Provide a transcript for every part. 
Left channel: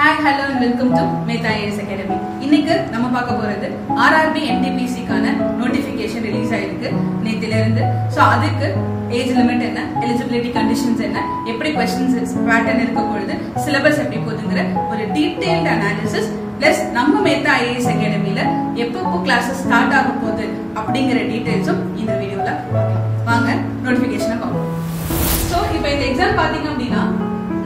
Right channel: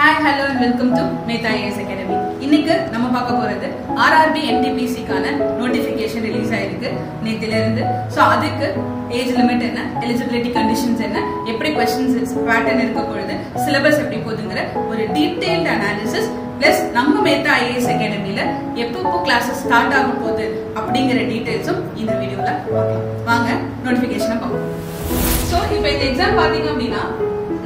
Hi, hello and welcome to Meta IAS Academy. இன்னைக்கு நம்ம பார்க்க போறது RRB NTPC கான நோட்டிபிகேஷன் ரிலீஸ் ஆயிருக்கு நேத்தில இருந்து. சோ அதுக்கு ஏஜ் லிமிட் என்ன, எலிஜிபிலிட்டி கண்டிஷன்ஸ் என்ன, எப்படி क्वेश्चंस பேட்டர்ன் இருக்க போகுது, சிலபஸ் எப்படி போகுதுங்கற ஒரு டீடைல்ட் அனாலிசிஸ் பிளஸ் நம்ம Meta IAS Academyல எப்பப்போ கிளாसेस ஸ்டார்ட் ஆக போகுது அப்படிங்கற டீடைல்ஸும் இந்த வீடியோல பார்க்கலாம். வாங்க நோட்டிபிகேஷனை பார்ப்போம். சோ இப்போ இந்த எக்ஸாம் பாத்தீங்க அப்படினா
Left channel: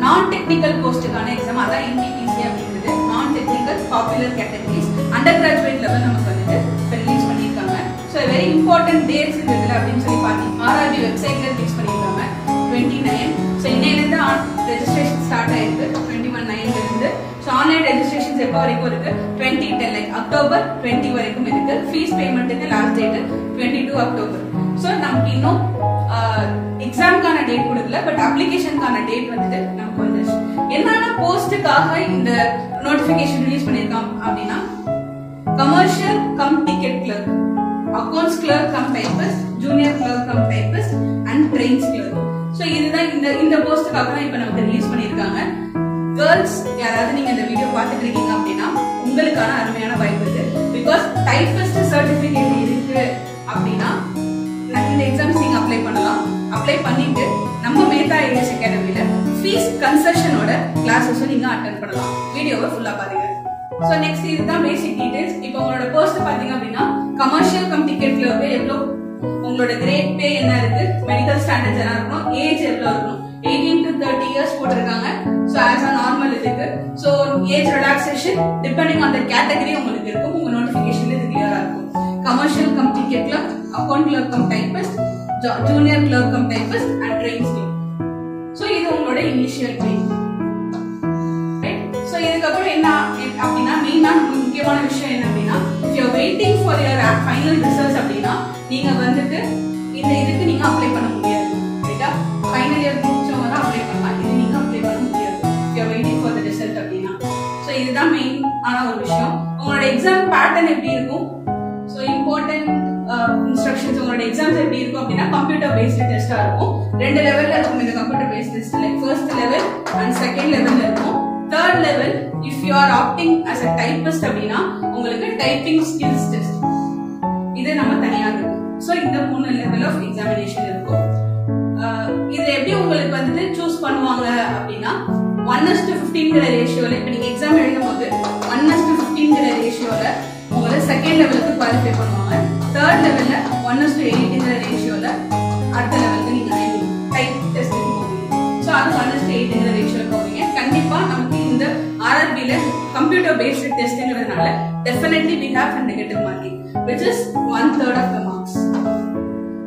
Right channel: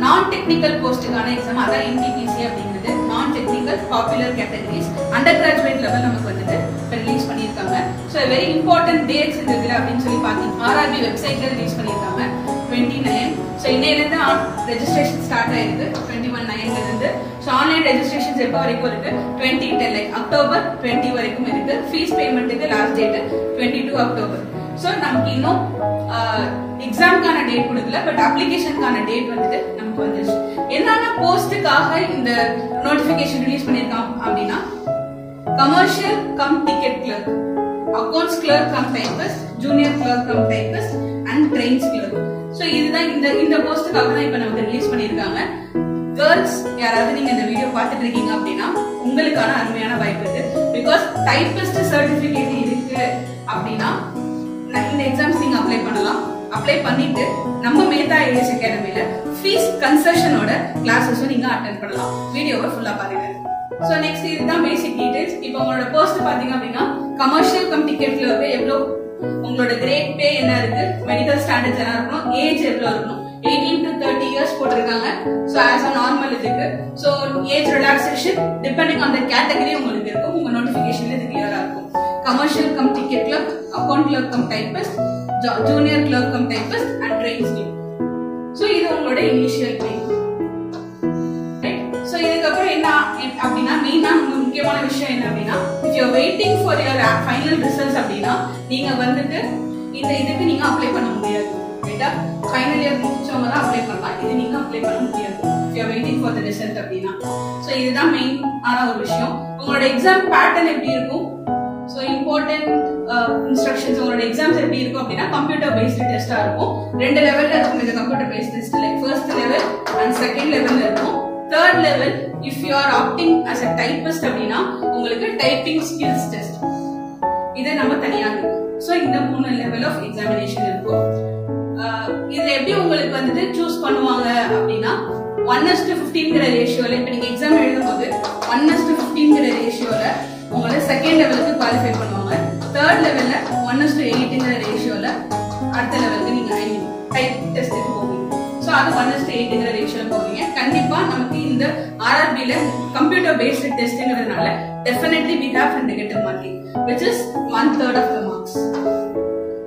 நான் டெக்னிக்கல் போஸ்டுக்கான எக்ஸாம் அதான் NTPC அப்படிங்கிறது நான் technical popular categories under graduate level நமக்கு வந்துட்டு ரிலீஸ் பண்ணிருக்காங்க. சோ வெரி இம்பார்ட்டன்ட் டேட்ஸ் இதுல அப்படின்னு சொல்லி பாத்தீங்கன்னா RRB வெப்சைட்ல ரிலீஸ் பண்ணிருக்காங்க 29. சோ இன்னையில இருந்து ரெஜிஸ்ட்ரேஷன் ஸ்டார்ட் ஆயிருக்கு 21/9ல இருந்து. சோ ஆன்லைன் ரெஜிஸ்ட்ரேஷன்ஸ் எப்ப வரைக்கும் இருக்கு 2010 அக்டோபர் 20 வரைக்கும் இருக்கு. ஃபீஸ் பேமெண்ட்டுக்கு லாஸ்ட் டேட் 22 அக்டோபர். சோ நமக்கு இன்னும் எக்ஸாம்க்கான டேட் கொடுக்கல, பட் அப்ளிகேஷனுக்கான டேட் வந்துட்டு நமக்கு வந்துருச்சு. என்னன்னா போஸ்டுக்காக இந்த நோட்டிபிகேஷன் ரிலீஸ் பண்ணிருக்காங்க அப்படின்னா commercial cum ticket clerk, accounts clerk cum typist, junior clerk cum typist and trains clerk. So இதுதான் இந்த போஸ்டுக்காக தான் இப்ப நமக்கு ரிலீஸ் பண்ணிருக்காங்க. கேர்ள்ஸ் யாராவது நீங்க இந்த வீடியோ பார்த்துட்டு இருக்கீங்க அப்படின்னா உங்களுக்கான அருமையான வாய்ப்பு இது. பிகாஸ் டைபிஸ்ட் சர்டிபிகேட் இருக்கு அப்படின்னா இந்த எக்ஸாம்ஸ் நீங்க அப்ளை பண்ணலாம். அப்ளை பண்ணிட்டு நம்ம Meta IAS Academyல ஃபீஸ் கன்செஷனோட கிளாसेसும் நீங்க அட்டெண்ட் பண்ணலாம். வீடியோவை ஃபுல்லா பாருங்க. சோ நெக்ஸ்ட் இதுதான் பேசிக் டீடைல்ஸ். இப்போ உங்களோட போஸ்ட் பாத்தீங்க அப்படின்னா கமர்ஷியல் கம் டிக்கெட்ல வந்து எவ்வளவு உங்களோட கிரேட் பே என்ன இருக்கு, மெடிக்கல் ஸ்டாண்டர்ட்ஸ் என்ன இருக்கணும், ஏஜ் எவ்வளவு இருக்கணும், 18 to 30 இயர்ஸ் போட்டிருக்காங்க. சோ ஆஸ் a நார்மல் இருக்கு. So age relaxation depending on the category உங்களுக்கு இருக்கும். உங்க நோட்டிபிகேஷன்ல இது கிளியரா இருக்கும். Commercial cum ticket clerk, account clerk cum typist, junior clerk cum typist and trains clerk. So இது உங்களோட இனிஷியல் ட்ரெயின். ரைட். சோ இதுக்கு அப்புறம் என்ன அப்படினா மெயினா முக்கியமான விஷயம் என்ன அப்படினா if you are waiting for your final results அப்படினா நீங்க வந்துட்டு இந்த இதுக்கு நீங்க அப்ளை பண்ண முடியாது. ரைட்டா? ஃபைனல் இயர் முடிச்சவங்க தான் அப்ளை பண்ணலாம். இது நீங்க அப்ளை பண்ண முடியாது if you are waiting for the result அப்படினா. சோ இதுதான் மெயின் ஆன ஒரு விஷயம். உங்களோட எக்ஸாம் பேட்டர்ன் எப்படி இருக்கும், சோ இம்பார்ட்டன்ட் இன்ஸ்ட்ரக்ஷன்ஸ் உங்களோட எக்ஸாம்ஸ் எப்படி இருக்கும் அப்படின்னா கம்ப்யூட்டர் பேஸ்டு டெஸ்டா இருக்கும். ரெண்டு லெவல்ல இருக்கும் இந்த கம்ப்யூட்டர் பேஸ்ட் டெஸ்ட்ல. ஃபர்ஸ்ட் லெவல் அண்ட் செகண்ட் லெவல்ல இருக்கும். Third level if you are opting as a typist அப்படின்னா உங்களுக்கு டைப்பிங் ஸ்கில்ஸ் டெஸ்ட் இது நம்ம தனியா இருக்கும். சோ இந்த மூணு லெவல் ஆஃப் எக்ஸாமினேஷன் இருக்கும். இதுல எப்படி உங்களுக்கு வந்துட்டு சூஸ் பண்ணுவாங்க அப்படின்னா 1:15 ரேஷியோல இப்ப நீங்க எக்ஸாம் எழுதும் போது 1:15 ரேஷியோல உங்களை செகண்ட் லெவலுக்கு குவாலிஃபை பண்ணுவாங்க. தேர்ட் லெவல்ல 1:8 ரேஷியோல அடுத்த லெவலுக்கு நீங்க டைப் டெஸ்ட்க்கு போவீங்க. சோ அது 1:8 ரேஷியோல போவீங்க. கண்டிப்பா நமக்கு இந்த RRBல கம்ப்யூட்டர் பேஸ்ட் டெஸ்ட்ங்கிறதுனால definitely we have a negative marking which is 1/3 of the marks.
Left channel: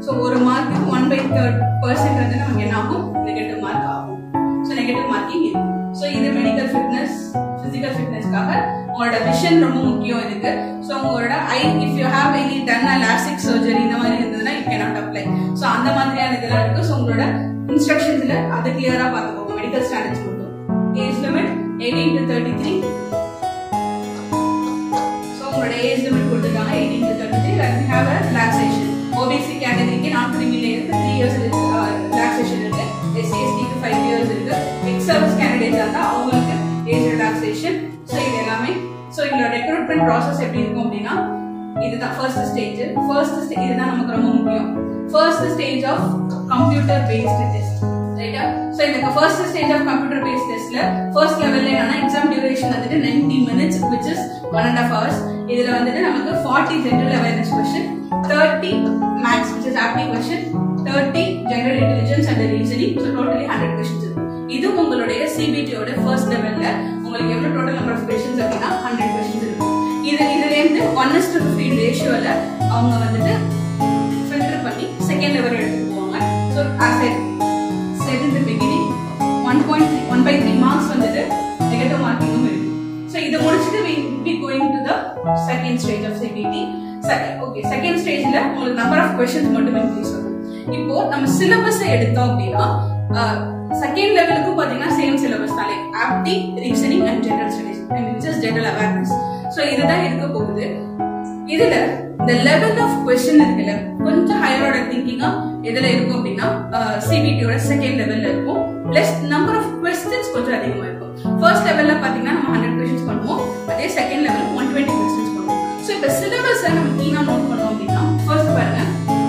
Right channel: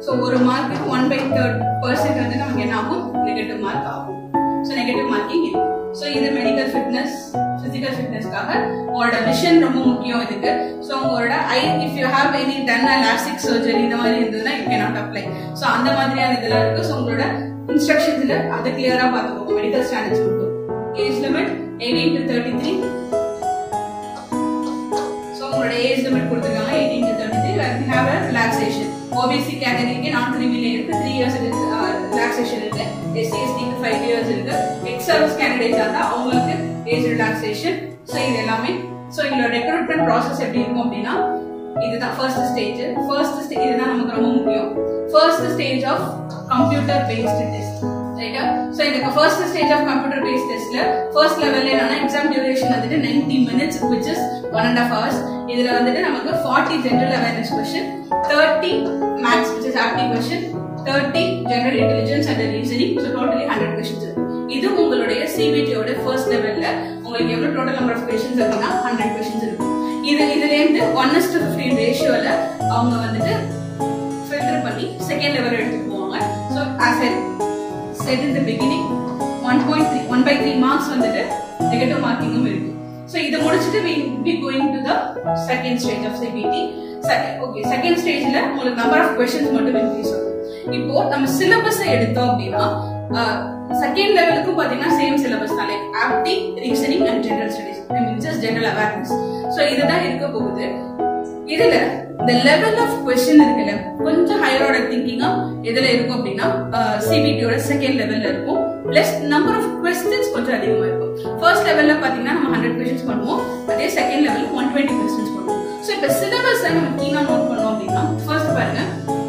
So ஒரு மார்க்கு 1/3% வந்து நமக்கு என்ன ஆகும், நெகட்டிவ் மார்க் ஆகும். சோ நெகட்டிவ் மார்க்கிங் இருக்கு. சோ இது மெடிக்கல் ஃபிட்னஸ், பிசிக்கல் ஃபிட்னஸ்க்காக உங்களோட விஷன் ரொம்ப முக்கியம் இதுக்கு. சோ உங்களோட eye if you have any done lasik surgery இந்த மாதிரி இருந்ததுன்னா யூ கேனாட் அப்ளை. சோ அந்த மாதிரியான இதெல்லாம் இருக்கு. சோ உங்களோட இன்ஸ்ட்ரக்ஷன்ஸ்ல அதை கிளியரா பாத்துக்கோங்க. மெடிக்கல் ஸ்டாண்டர்ட்ஸ் மட்டும். Age limit 18 to 33. சோ உங்களோட ஏஜ் லிமிட் கொடுத்திருக்காங்க 18 to 33 and we have a relaxation. OBC கேட்டகரிக்கு நான் கிரிமி லேயருக்கு 3 இயர்ஸ் ரிலாக்சேஷன் இருக்கு. SC/ST க்கு 5 இயர்ஸ் இருக்கு. எக்ஸ் சர்வீஸ் கேண்டிடேட்ஸ் இருந்தா அவங்களுக்கு ஏஜ் ரிலாக்சேஷன். சோ இது எல்லாமே. சோ இந்த ரெக்ரூட்மென்ட் process எப்படி இருக்கும் அப்படினா இதுதான் ஃபர்ஸ்ட் ஸ்டேஜ். இதுதான் நமக்கு ரொம்ப முக்கியம். First stage of computer based test. ரைட்டா? சோ இந்த first stage of computer based டெஸ்ட்ல ஃபர்ஸ்ட் லெவல்ல என்னன்னா எக்ஸாம் டியூரேஷன் வந்துட்டு 90 minutes which is 1.5 hours. இதுல வந்துட்டு நமக்கு 40 general awareness question, 30 maths which is aptitude question, 30 general intelligence and reasoning. So totally 100 questions. இது உங்களுடைய CBT ஓட ஃபர்ஸ்ட் லெவல்ல உங்களுக்கு எவ்வளவு டோட்டல் நம்பர் ஆஃப் क्वेश्चंस அப்படினா 100 questions இருக்கும். இதுல இருந்து 1:15 ரேஷியோல அவங்க வந்துட்டு ஃபில்டர் பண்ணி செகண்ட் லெவல் எடுத்துட்டு போவாங்க. So as I said in the beginning 1/3 marks வந்துட்டு நெகட்டிவ் மார்க்கிங்கும் இருக்கு. சோ இத முடிச்சிட்டு we be going to the second stage of CBT. Okay, second ஸ்டேஜ்ல உங்களுக்கு நம்பர் ஆஃப் क्वेश्चंस மட்டும் இன்க்ரீஸ் ஆகும். இப்போ நம்ம சிலபஸ் எடுத்தோம் அப்படினா செகண்ட் லெவலுக்கு பாத்தீங்கன்னா சேம் சிலபஸ் தான். Like apti, reasoning and general studies. I mean just general awareness. So இதுதான் இருக்க போகுது. இதுல the level of question இருக்குல்ல கொஞ்சம் ஹையர் ஆர்டர் திங்கிங்கா எதுல இருக்கும் அப்படின்னா CBT ஓட செகண்ட் லெவல்ல இருக்கும். பிளஸ் நம்பர் ஆஃப் क्वेश्चंस கொஞ்சம் அதிகமா இருக்கும். ஃபர்ஸ்ட் லெவல்ல பாத்தீங்கன்னா நம்ம பண்ணுவோம். அதே செகண்ட் லெவல் 120 கொஸ்டின்ஸ் பண்ணுவோம். ஸோ இப்போ சிலபஸ் நம்ம கீழே நோட் பண்ணோம் அப்படின்னா ஃபர்ஸ்ட் பாருங்க,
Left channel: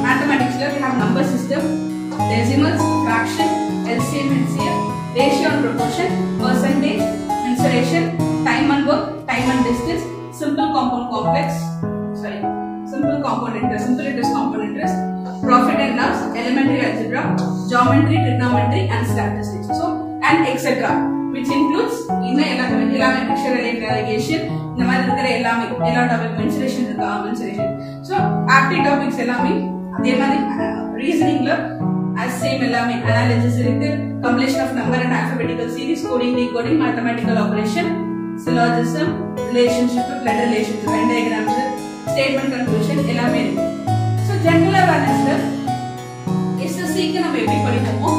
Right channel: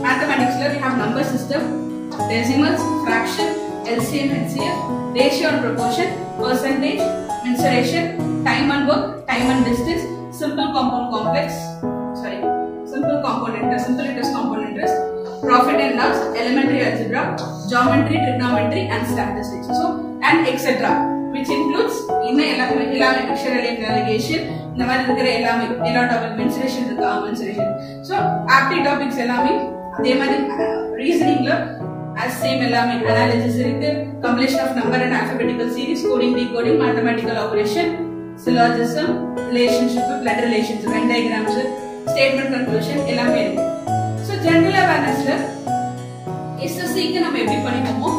மேத்தமெட்டிக்ஸ்ல we have number system, decimals, fraction, LCM, HCF, ratio and proportion, percentage, mensuration, time and work, time and distance, simple compound interest, compound interest, profit and loss, elementary algebra, geometry, trigonometry and statistics. So and etc. which includes எல்லாமே pictorial navigation, இந்த மாதிரி இருக்கிற எல்லாமே எல்லா topic mensuration இருக்கா, mensuration. So aptitude topics எல்லாமே அதே மாதிரி reasoningல as same எல்லாமே analysis இருக்கு, completion of number and alphabetical series, coding, decoding, mathematical operation, syllogism, relationship, blood relationship, Venn diagrams, statement conclusion எல்லாமே இருக்கு. So general awarenessல SSCக்கு நம்ம எப்படி படிப்போமோ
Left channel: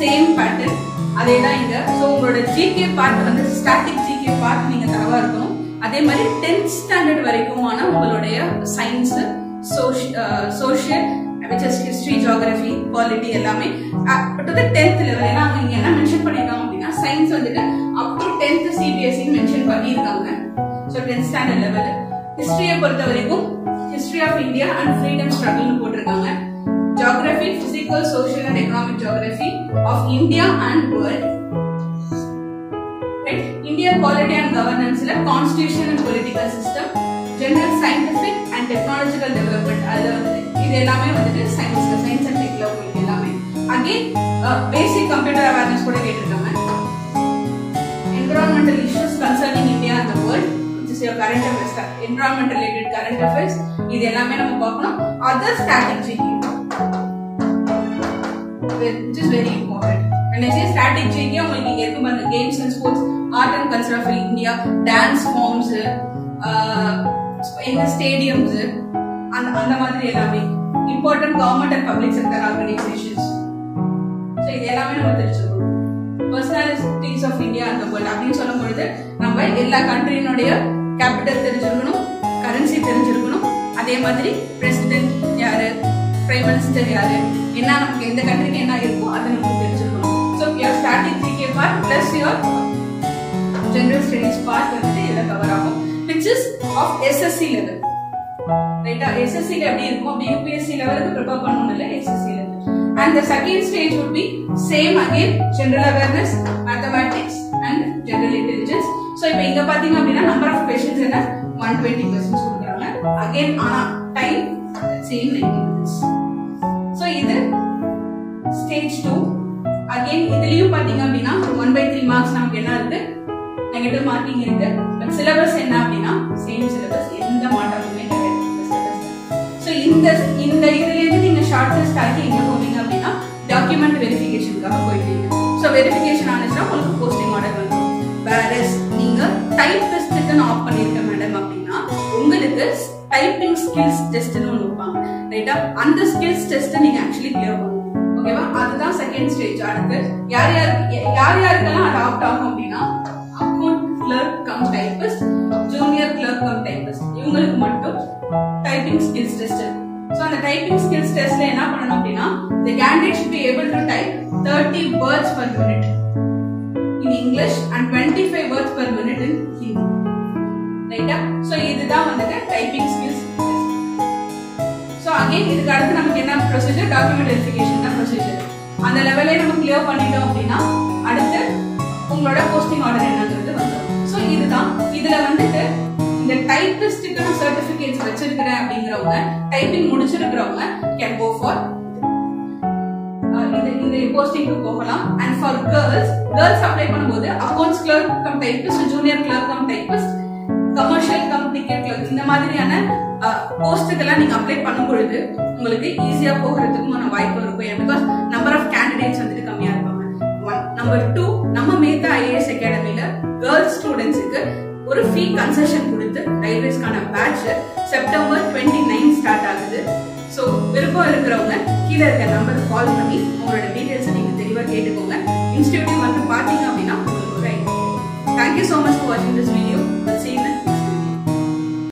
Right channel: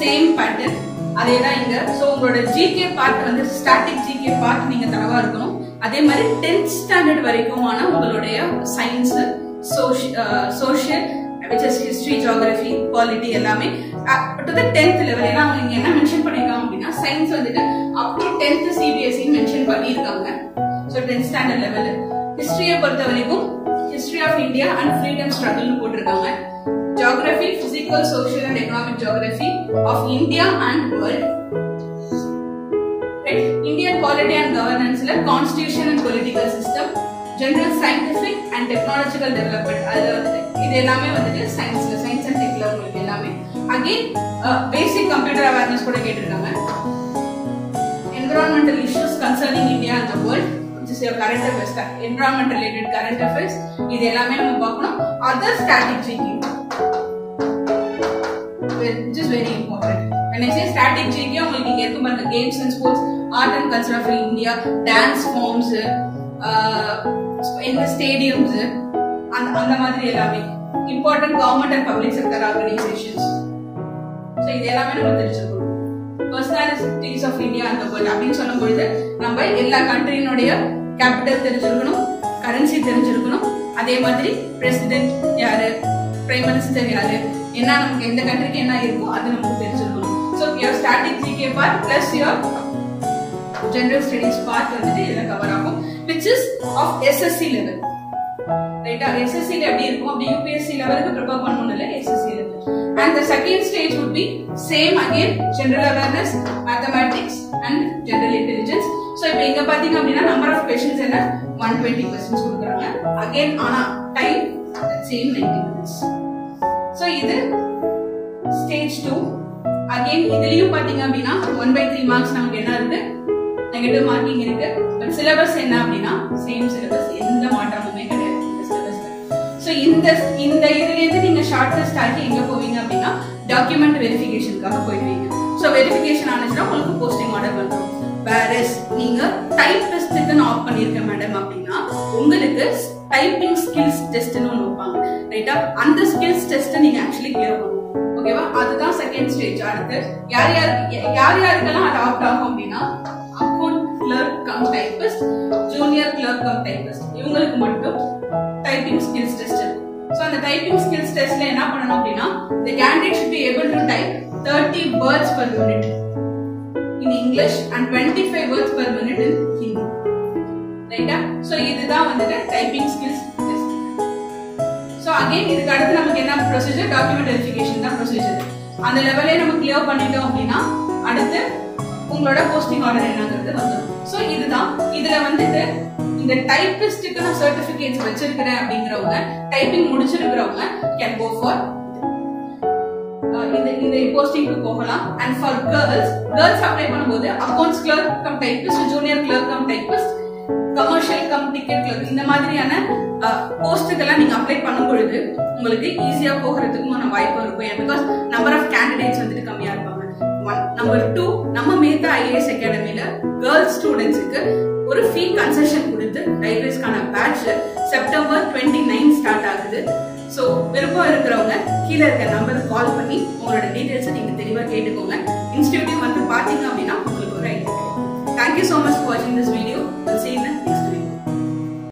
சேம் பேட்டர்ன் அதேதான் இங்க. சோ உங்களோட ஜிகே பார்ட் வந்து ஸ்டாட்டிக் ஜிகே பார்ட் நீங்க தரவா இருக்கணும். அதே மாதிரி 10th ஸ்டாண்டர்ட் வரைக்குமான உங்களுடைய science, social, which is history, geography, polity எல்லாமே to the 10th level. ஏன்னா அவங்க இங்க என்ன மென்ஷன் பண்ணிருக்காங்க அப்படின்னா சயின்ஸ் வந்துட்டு up to 10th CBSE mention பண்ணிருக்காங்க. So 10th standard level. ஹிஸ்டரியை பொறுத்த வரைக்கும் history of India and freedom struggle னு போட்டுருக்காங்க. Geography, physical, social and economic geography of India and world. Right? Indian polity and governance la constitution and political system, general scientific and technological development. இது எல்லாமே வந்துட்டு science and tech ல உங்களுக்கு எல்லாமே. Again basic computer awareness கூட கேட்டிருக்காங்க. Environmental issues concerning India and the world, which is your current affairs, environment related current affairs. இது எல்லாமே நம்ம பார்க்கணும். Other static GK, which is very important. When I say static GK, உங்களுக்கு இங்க இருக்கும் பாருங்க, games and sports, art and culture of India, dance forms, in the stadiums, அந்த மாதிரி எல்லாமே important government and public sector organizations. So இது எல்லாமே நம்ம தெரிஞ்சுக்கணும். Personalities of India and the world அப்படின்னு சொல்லும்போது நம்ம எல்லா கண்ட்ரியினுடைய கேபிட்டல் தெரிஞ்சிருக்கணும், கரன்சி தெரிஞ்சிருக்கணும், அதே மாதிரி பிரசிடென்ட் யாரு, பிரைம் மினிஸ்டர் யாரு, என்ன நமக்கு எந்த கண்ட்ரிக்கு என்ன இருக்கோ அது நமக்கு தெரிஞ்சிருக்கணும். So your static GK part plus your general studies part வந்துட்டு இதில் கவர் ஆகும், which is of SSC level. ரைட்டா? SSC ல எப்படி இருக்கும் அப்படி UPSC லெவலுக்கு ப்ரிப்பேர் பண்ணணும் இல்ல, SSC level. And the second stage would be same again, general awareness, mathematics and general intelligence. So இப்போ இங்க பாத்தீங்க அப்படின்னா number of questions என்ன 120 questions கொடுக்குறாங்க. Again ஆனா time same 90 minutes. So இது stage 2. Again இதுலயும் பாத்தீங்க அப்படின்னா 1/3 marks நமக்கு என்ன இருக்கு, நெகட்டிவ் மார்க்கிங் இருக்கு. பட் சிலபஸ் என்ன அப்படின்னா சேம் சிலபஸ், எந்த மாற்றமுமே கிடையாது. So இந்த இதுல இருந்து நீங்க ஷார்ட் டெஸ்ட் ஆகி எங்க போவீங்க அப்படின்னா டாக்குமெண்ட் வெரிஃபிகேஷனுக்காக போயிடுவீங்க. ஸோ வெரிஃபிகேஷன் ஆனதுன்னா உங்களுக்கு போஸ்டிங் ஆர்டர் வந்துடும். வேறஸ் நீங்க டைப்பிஸ்டுக்கு நான் ஆஃப் பண்ணிருக்கேன் மேடம் அப்படின்னா உங்களுக்கு டைப்பிங் ஸ்கில்ஸ் டெஸ்ட்னு ஒன்று வைப்பாங்க. ரைட்டா? அந்த ஸ்கில்ஸ் டெஸ்ட் நீங்க ஆக்சுவலி கிளியர் பண்ணணும். ஓகேவா? அதுதான் செகண்ட் ஸ்டேஜ். அடுத்து யார் யாருக்கெல்லாம் அது ஆப்ட் ஆகும் அப்படின்னா account clerk cum typist, junior clerk cum typist, இவங்களுக்கு மட்டும் டைப்பிங் ஸ்கில்ஸ் டெஸ்ட் இருக்கு. சோ அந்த டைப்பிங் ஸ்கில்ஸ் டெஸ்ட்ல என்ன பண்ணனும் அப்படின்னா the candidate should be able to type 30 words per minute in English and 25 words per minute in Hindi. ரைட்டா? So இதுதான் வந்து typing skills test. So again இதுக்கு அடுத்து நமக்கு என்ன ப்ரொசீஜர், டாக்குமெண்ட் வெரிஃபிகேஷன் தான் ப்ரொசீஜர். அந்த லெவலே நம்ம கிளியர் பண்ணிட்டோம் அப்படின்னா அடுத்து உங்களோட போஸ்டிங் ஆர்டர் என்னங்கிறது வந்துடும். சோ இதுதான் இதுல வந்துட்டு இந்த டைப்பிஸ்டுக்கு நான் சர்டிபிகேட்ஸ் வச்சிருக்கிறேன் அப்படிங்கிறவங்க, டைப்பிங் முடிச்சிருக்கிறவங்க கேன் கோ ஃபார் இந்த போஸ்டிங்க்கு போகலாம். அண்ட் ஃபார் கேர்ள்ஸ் அப்ளை பண்ணும்போது accounts clerk cum typist, junior clerk cum typist, commercial cum ticket clerk, இந்த மாதிரியான போஸ்ட்டுக்கெல்லாம் நீங்க அப்ளை பண்ணும் பொழுது உங்களுக்கு ஈஸியா போகிறதுக்குமான வாய்ப்பு இருக்கும். பிகாஸ் நம்பர் ஆஃப் கேண்டிடேட்ஸ் வந்துட்டு கம்மியா இருப்பாங்க. நம்பர் 2, நம்ம மேத்தா ஐஏஎஸ் அகாடமில கேர்ள்ஸ் ஸ்டூடெண்ட்ஸுக்கு ஒரு ஃபீ கன்செஷன் கொடுத்து ரயில்வேஸ்க்கான பேட்ச் செப்டம்பர் 29 ஸ்டார்ட் ஆகுது. ஸோ விருப்பம் இருக்கிறவங்க கீழே இருக்க நம்பருக்கு கால் பண்ணி உங்களோட டீடைல்ஸை நீங்க தெளிவாக கேட்டுக்கோங்க. இன்ஸ்டிடியூட் வந்து பாத்தீங்க அப்படின்னா உங்களுக்கு ஒரு idea. Thank you so much for வாட்சிங் this video. See you next.